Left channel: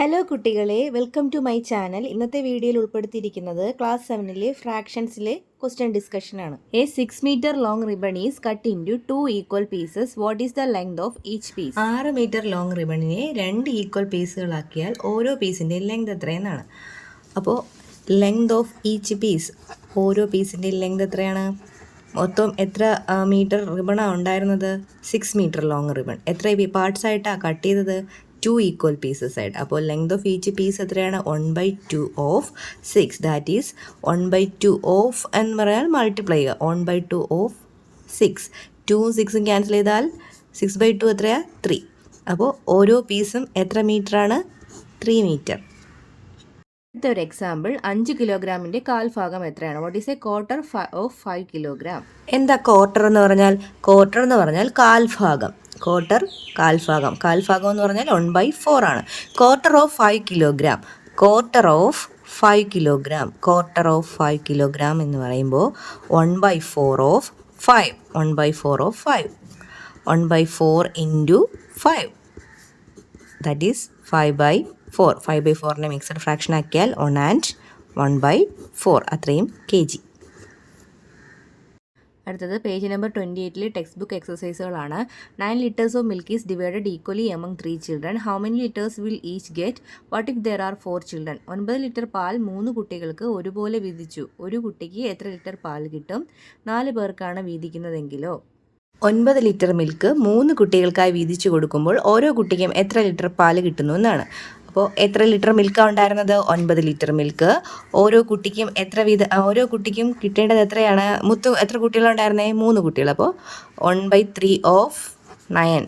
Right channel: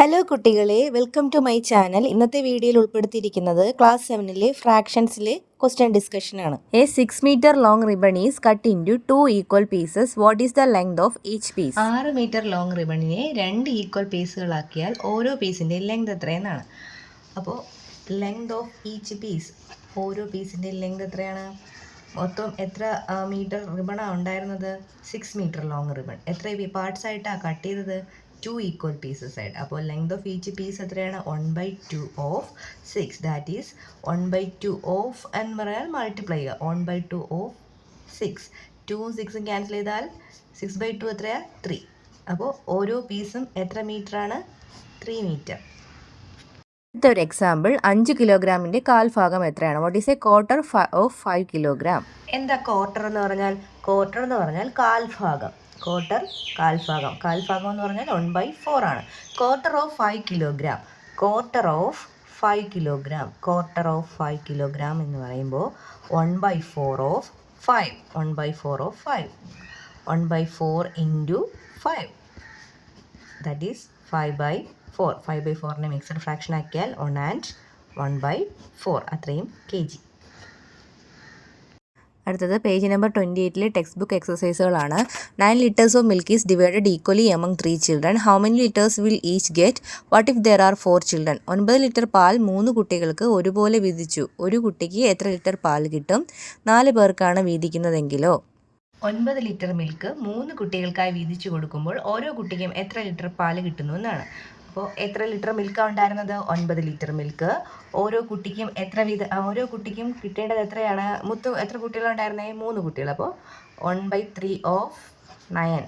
Hello കുട്ടികളെ, welcome to my channel. ഇന്നത്തെ വീഡിയോയിൽ ഉൾപ്പെടുത്തിയിരിക്കുന്നത് ക്ലാസ് 7-ലെ ഫ്രാക്ഷൻസിലെ ക്വസ്റ്റ്യൻ ഡിസ്കഷനാണ്. A 6 metre long ribbon is cut into 2 equal pieces. What is the length of each piece? 6 metre long റിബണിനെ 2 equal പീസുകളാക്കിയാൽ ഓരോ പീസിൻ്റെയും ലെങ്ത് എത്രയെന്നാണ്. അപ്പോൾ ലെങ്ത് ഓഫ് ഈച്ച് പീസ്, ഓരോ പീസിൻ്റെയും ലെങ്ത് എത്രയാണ്? മൊത്തം എത്ര മീറ്റർ റിബണാണ് ഉണ്ടായിരുന്നത്? 6 മീറ്റർ ലോങ് റിബൺ. എത്ര പാർട്സ് ആയിട്ടാണ് കട്ട് ചെയ്തത്? 2 ഈക്വൽ പീസസ് ആയിട്ട്. അപ്പോൾ ലെങ്ത് ഓഫ് ഈച്ച് പീസ് എത്രയാണ്? 1/2 ഓഫ് 6. ദാറ്റ് ഈസ് 1/2 ഓഫ് എന്ന് പറയാൻ മൾട്ടിപ്ലൈ ചെയ്യുക. 1/2 ഓഫ് 6. 2ഉം 6ഉം ക്യാൻസൽ ചെയ്താൽ 6/2 എത്രയാണ്? 3. അപ്പോൾ ഓരോ പീസും എത്ര മീറ്ററാണ്? 3 മീറ്റർ. അടുത്തൊരു എക്സാമ്പിൾ, 5 കിലോഗ്രാമിൻ്റെ കാൽഭാഗം എത്രയാണ്? What is A quarter of 5 kilogram? എന്താ ക്വാർട്ടർ എന്ന് പറഞ്ഞാൽ? ക്വാർട്ടർ എന്ന് പറഞ്ഞാൽ കാൽഭാഗം. ക്വാർട്ടർ കാൽഭാഗം. കാൽഭാഗം എന്ന് പറഞ്ഞാൽ 1/4 ആണ്. Quarter of 5 kilogram. Quarter of 5 kilogram. Quarter of 5 kilogram എന്ന് പറയുമ്പോൾ 1/4 of 5. 1/4 of 5. 1/4 into 5. That is 5/4. 5/4നെ മിക്സഡ് ഫ്രാക്ഷൻ ആക്കിയാൽ 1 ആൻഡ് 1/4 അത്രയും kg. അടുത്തത് പേജ് നമ്പർ 28-ലെ ടെക്സ്റ്റ് ബുക്ക് എക്സസൈസുകളാണ്. 9 liters of milk is divided equally among 3 children. How many litres will each get? What if there are 4 children? 9 litre പാൽ 3 കുട്ടികൾക്ക് ഒരുപോലെ വീതിച്ചു. ഒരു കുട്ടിക്ക് എത്ര ലിറ്റർ പാൽ കിട്ടും? 4 പേർക്കാണ് വീതിക്കുന്നതെങ്കിലോ? 9 ലിറ്റർ മിൽക്ക് 3 കുട്ടികൾക്കായി വീതിച്ചു കൊടുക്കുമ്പോൾ ഓരോ കുട്ടിക്കും എത്ര ലിറ്റർ പാൽ കിട്ടുന്നു എന്നാണ്. അപ്പോൾ എത്ര ലിറ്റർ മിൽക്കാണ് ഉണ്ടായിരുന്നത്? 9 ലിറ്റർ മിൽക്ക്. ഓരോ കുട്ടിക്കും ഓരോ കുട്ടിക്കും കിട്ടേണ്ടത് എത്രയാണ്? എത്ര കുട്ടികളാണ് ഉണ്ടായിരുന്നത്? 3 കുട്ടികൾ. അപ്പോൾ 1/3 of 9.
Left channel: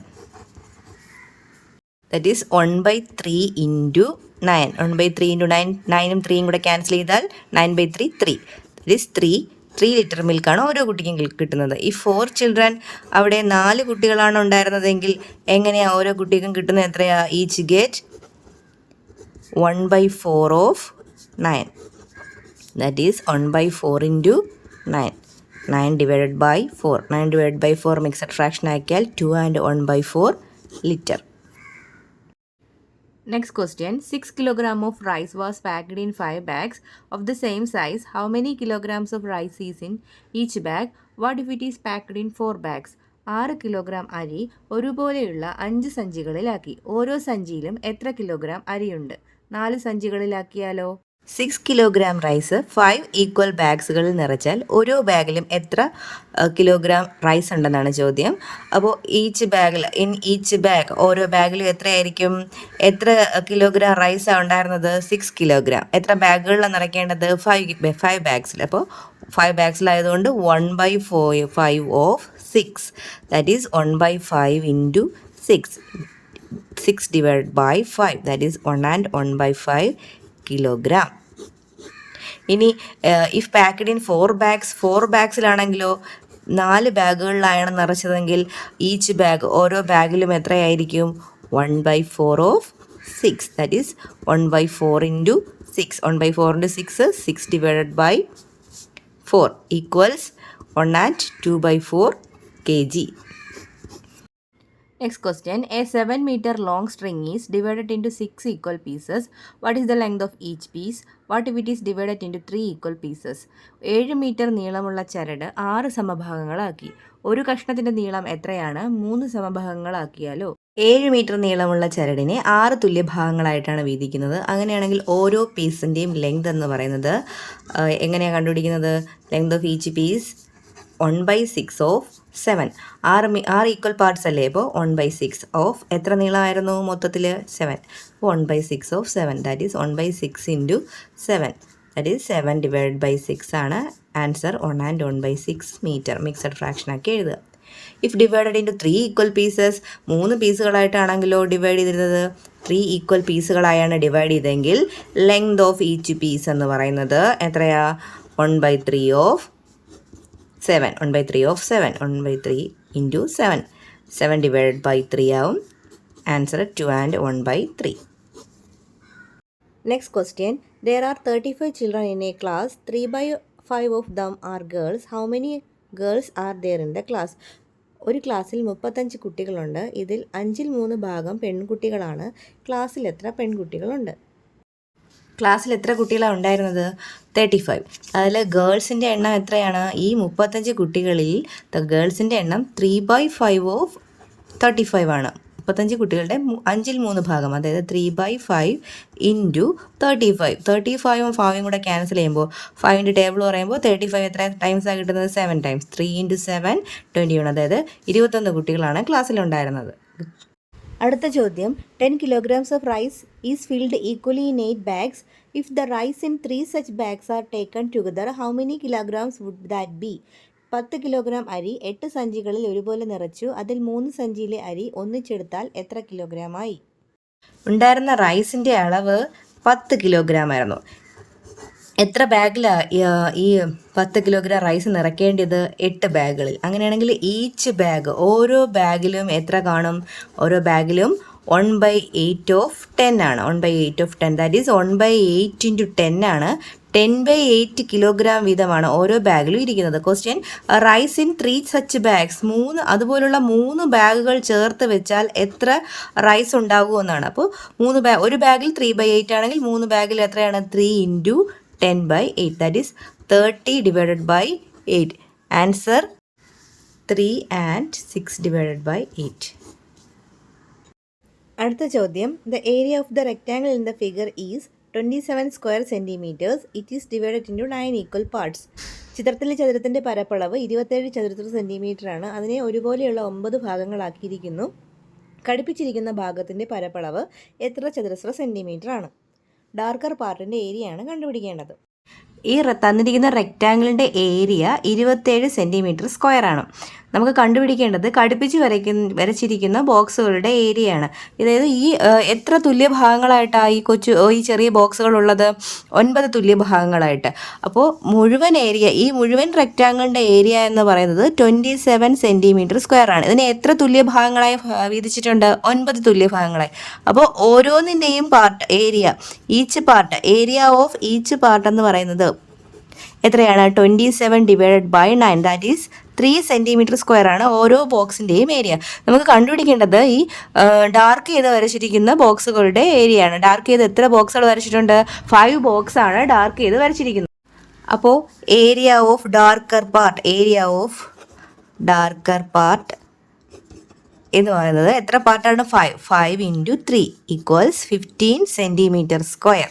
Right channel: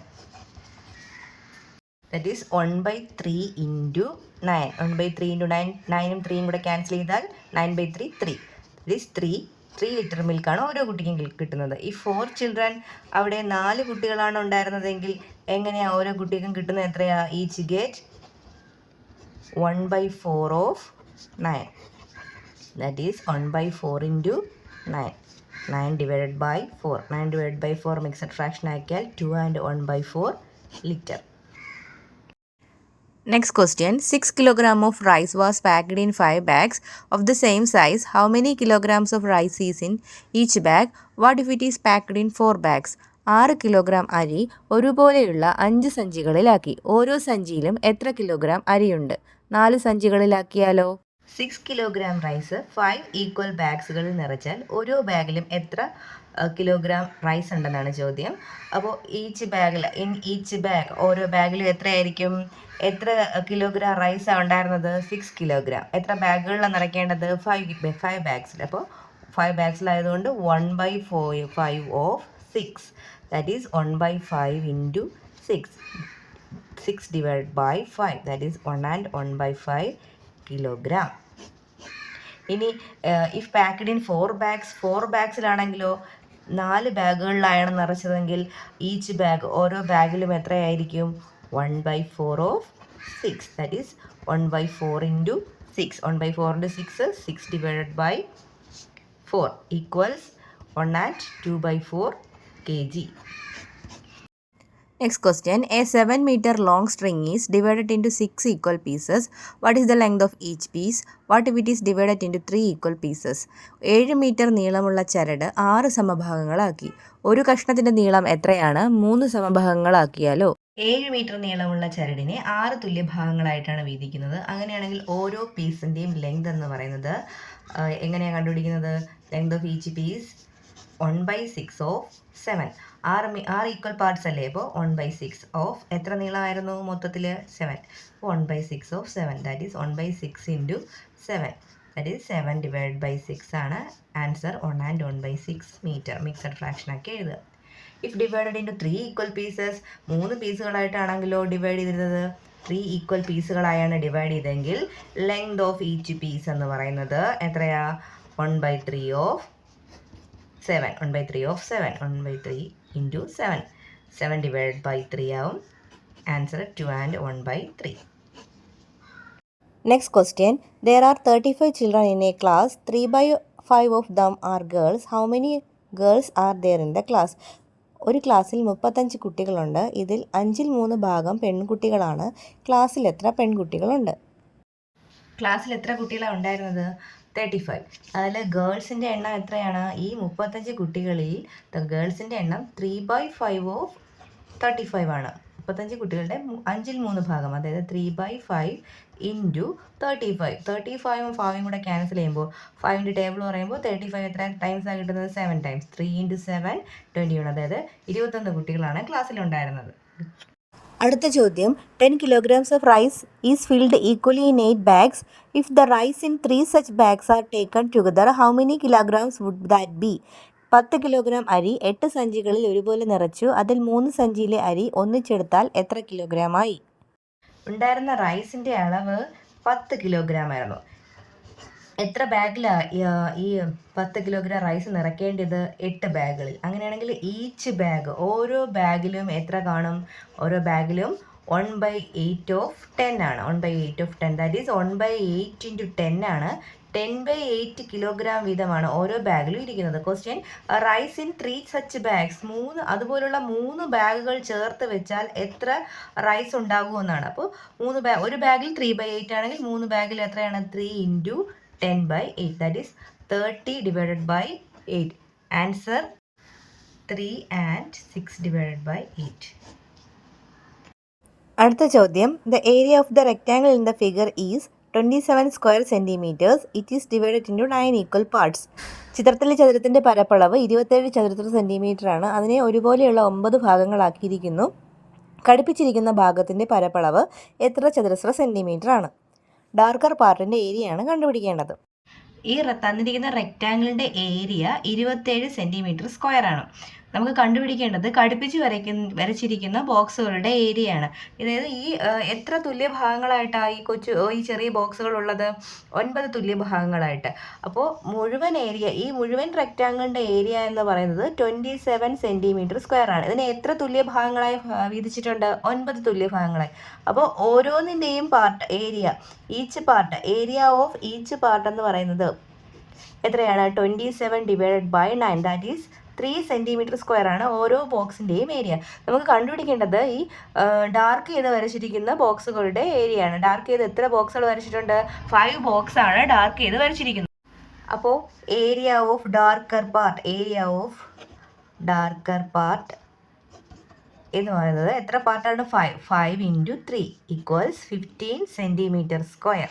That is 1/3 into 9. 1/3 into 9. 9ഉം 3യും കൂടെ ക്യാൻസൽ ചെയ്താൽ 9/3 3. ദറ്റ് ഈസ് 3 ലിറ്റർ മിൽക്കാണ് ഓരോ കുട്ടിക്കും കിട്ടുന്നത്. ഈ 4 ചിൽഡ്രൻ, അവിടെ 4 കുട്ടികളാണ് ഉണ്ടായിരുന്നതെങ്കിൽ എങ്ങനെയാണ് ഓരോ കുട്ടിക്കും കിട്ടുന്നത്? എത്രയാണ്? Each get 1/4 of 9. That is 1/4 into 9. 9 divided by 4. 9 divide by 4 mixed fraction ആക്കിയാൽ 2 and 1/4 litre. Next question, 6 kilogram of rice was packed in 5 bags of the same size. How many kilograms of rice is in each bag? What if it is packed in 4 bags? 6 kilogram അരി ഒരുപോലെയുള്ള 5 സഞ്ചികളിലാക്കി. ഓരോ സഞ്ചിയിലും എത്ര kilogram അരിയുണ്ട്? 4 സഞ്ചികളിലാക്കിയാലോ? 6 kilogram rice 5 equal ബാഗ്സുകളിൽ നിറച്ചാൽ ഓരോ ബാഗിലും എത്ര kilogram rice ഉണ്ടെന്നാണ് ചോദ്യം. അപ്പോൾ each bag ഓരോ ബാഗിലും എത്രയായിരിക്കും? എത്ര കിലോഗ്രാം റൈസാണ് ഉണ്ടായിരുന്നത്? 6 കിലോഗ്രാം. എത്ര ബാഗുകളിൽ നിറയ്ക്കേണ്ടത്? 5 ബാഗ്സിൽ. അപ്പോൾ 5 ബാഗ്സിലായതുകൊണ്ട് 1/5 of 6. That is 1/5 into 6. 6 divided by 5. That is 1 and 1/5 kilogram. ഇനി ഇഫ് പാക്ക്ഡ് ഇൻ 4 bags, 4 ബാഗ്സിലാണെങ്കിലോ 4 ബാഗുകളിലാണ് നിറച്ചതെങ്കിൽ ഈച്ച് ബാഗ്, ഓരോ ബാഗിലും എത്രയായിരിക്കും? 1/4 of 6. That is 1/4 into 6. 1/4 into 6, 6 divided by 4 equals 1 and 2/4 kg. Next question, a 7 meter long string is divided into 6 equal pieces. What is the length of each piece? What if it is divided into 3 equal pieces? 7 metre നീളമുള്ള ചരട് 6 സമഭാഗങ്ങളാക്കി. ഒരു കഷ്ണത്തിൻ്റെ നീളം എത്രയാണ്? 3 സമഭാഗങ്ങളാക്കിയാലോ? 7 metre നീളമുള്ള ചരടിനെ 6 തുല്യ ഭാഗങ്ങളായിട്ടാണ് വീതിക്കുന്നത്. അങ്ങനെയാണെങ്കിൽ ഓരോ പീസിൻ്റെയും ലെങ്ത് എന്ന് പറയുന്നത് എങ്ങനെയാണ് കണ്ടുപിടിക്കുന്നത്? Length of each piece 1/6 of 7. 6 equal parts അല്ലേ? അപ്പോൾ 1/6 ഓഫ് എത്ര നീളമായിരുന്നു മൊത്തത്തിൽ? 7. 1/6 of 7. That is 1/6 into 7. That is 7 divide by 6 ആണ് answer. 1 and 1/6 metre. Mixed fraction ആക്കി എഴുതുക. If divided into 3 equal pieces, 3 പീസുകളായിട്ടാണെങ്കിലോ ഡിവൈഡ് ചെയ്തിരുന്നത്? 3 ഈക്വൽ പീസുകളായാണ് ഡിവൈഡ് ചെയ്തെങ്കിൽ ലെങ്ത് ഓഫ് ഈച്ച് പീസ് എന്ന് പറയുന്നത് എത്രയാ? 1/3 of 7. 1/3 of 7. 1/3 into 7. 7 divided by 3 ആവും. Answer 2 and 1/3. Next question, there are 35 children in a class. 3/5 of them are girls. How many girls are there in the class? ഒരു ക്ലാസ്സിൽ 35 കുട്ടികളുണ്ട്. ഇതിൽ 3 ഭാഗം പെൺകുട്ടികളാണ്. ക്ലാസ്സിൽ എത്ര പെൺകുട്ടികളുണ്ട്? ക്ലാസ്സിൽ എത്ര കുട്ടികളാണ് ഉണ്ടായിരുന്നത്? 35. അതിൽ ഗേൾസിൻ്റെ എണ്ണം എത്രയാണ്? ഈ 35 കുട്ടികളിൽ ഗേൾസിൻ്റെ എണ്ണം 3/5 ഓഫ് 35 ആണ്. 35 കുട്ടികളുടെ 3 ഭാഗം, അതായത് 3/5 ഇൻറ്റു 35. 35ഉം 5ഉം കൂടെ ക്യാൻസൽ ചെയ്യുമ്പോൾ 5ൻ്റെ ടേബിൾ പറയുമ്പോൾ 35 എത്ര ടൈംസാണ് കിട്ടുന്നത്? 7 ടൈംസ്. 3 × 7 21, അതായത് 21 കുട്ടികളാണ് ക്ലാസ്സിലുണ്ടായിരുന്നത്. അടുത്ത ചോദ്യം, 10 kilograms of rice is filled equally in 8 bags. If the rice in 3 such bags are taken together, how many kilograms would that be? 10 kilogram അരി 8 സഞ്ചികളിൽ ഒരുപോലെ നിറച്ചു. അതിൽ 3 സഞ്ചിയിലെ അരി ഒന്നിച്ചെടുത്താൽ എത്ര കിലോഗ്രാമായി? ഉണ്ടായിരുന്ന റൈസിൻ്റെ അളവ് 10 കിലോഗ്രാം ആയിരുന്നു. എത്ര ബാഗിലാണ് ഈ 10 കിലോഗ്രാം റൈസ് നിറയ്ക്കേണ്ടത്? 8 ബാഗുകളിൽ. അങ്ങനെയാണെങ്കിൽ ഈച്ച് ബാഗ്, ഓരോ ബാഗിലും എത്ര കാണും? ഓരോ ബാഗിലും 1/8 ഓഫ് 10 ആണ്. 1/8 ഓഫ് 10, ദാറ്റ് ഈസ് 1/8 ഇൻറ്റു 10 ആണ്. 10/8 കിലോഗ്രാം വീതമാണ് ഓരോ ബാഗിലും ഇരിക്കുന്നത്. Question, rice in 3 such bags, അതുപോലുള്ള 3 ബാഗുകൾ ചേർത്ത് വെച്ചാൽ എത്ര റൈസ് ഉണ്ടാകുമെന്നാണ്. അപ്പോൾ ഒരു ബാഗിൽ 3/8 ആണെങ്കിൽ 3 ബാഗിൽ എത്രയാണ്? 3 into 10/8, that is 30 divided by 8. Answer 3 and 6 divided by 8. അടുത്ത ചോദ്യം, the area of the rectangle in the figure is 27 square centimetres. It is divided into 9 equal parts. ചിത്രത്തിലെ ചതുരത്തിൻ്റെ പരപ്പളവ് 27 ചതുരശ്ര സെൻറ്റിമീറ്റർ ആണ്. അതിനെ ഒരുപോലെയുള്ള 9 ഭാഗങ്ങളാക്കിയിരിക്കുന്നു. ഘടിപ്പിച്ചിരിക്കുന്ന ഭാഗത്തിൻ്റെ പരപ്പളവ് എത്ര ചതുരശ്ര സെൻറ്റിമീറ്റർ ആണ്? ഡാർക്കർ പാർട്ടിൻ്റെ ഏരിയയാണ് കണ്ടുപിടിക്കേണ്ടത്. ഈ തന്നിരിക്കുന്ന റെക്റ്റാങ്കിളിൻ്റെ ഏരിയ 27 സെൻറ്റിമീറ്റർ സ്ക്വയർ ആണ്. നമുക്ക് കണ്ടുപിടിക്കേണ്ടത് ഘടിപ്പിച്ച് വരച്ചിരിക്കുന്ന ബോക്സുകളുടെ ഏരിയ ആണ്. അതായത് ഈ എത്ര തുല്യ ഭാഗങ്ങളായിട്ടാണ് ഈ ചെറിയ ബോക്സുകളുള്ളത്? 9 തുല്യ ഭാഗങ്ങളായിട്ട്. അപ്പോൾ ഈ മുഴുവൻ റെക്റ്റാങ്കിളിൻ്റെ ഏരിയ എന്ന് പറയുന്നത് 27 സെൻറ്റിമീറ്റർ സ്ക്വയർ ആണ്. ഇതിനെ എത്ര തുല്യ ഭാഗങ്ങളായി വീതിച്ചിട്ടുണ്ട്? 9 തുല്യ ഭാഗങ്ങളായി. അപ്പോൾ ഓരോന്നിൻ്റെയും ഏരിയ ഓഫ് ഈച്ച് പാർട്ട് എന്ന് പറയുന്നത് എത്രയാണ്? 27 divided by 9, that is 3 centimetre square ആണ് ഓരോ ബോക്സിൻ്റെയും ഏരിയ. നമുക്ക് കണ്ടുപിടിക്കേണ്ടത് ഈ ഡാർക്ക് ചെയ്ത് വരച്ചിരിക്കുന്ന ബോക്സുകളുടെ ഏരിയ ആണ്. ഡാർക്ക് ചെയ്ത് എത്ര ബോക്സുകൾ വരച്ചിട്ടുണ്ട്? 5 ബോക്സാണ് ഡാർക്ക് ചെയ്ത് വരച്ചിരിക്കുന്നത്. അപ്പോൾ ഏരിയ ഓഫ് ഡാർക്കർ പാർട്ട് എന്ന് പറയുന്നത് എത്ര പാർട്ടാണ്? 5 ഇൻറ്റു 3 ഈക്വൽസ് 15 സെൻറ്റിമീറ്റർ സ്ക്വയർ.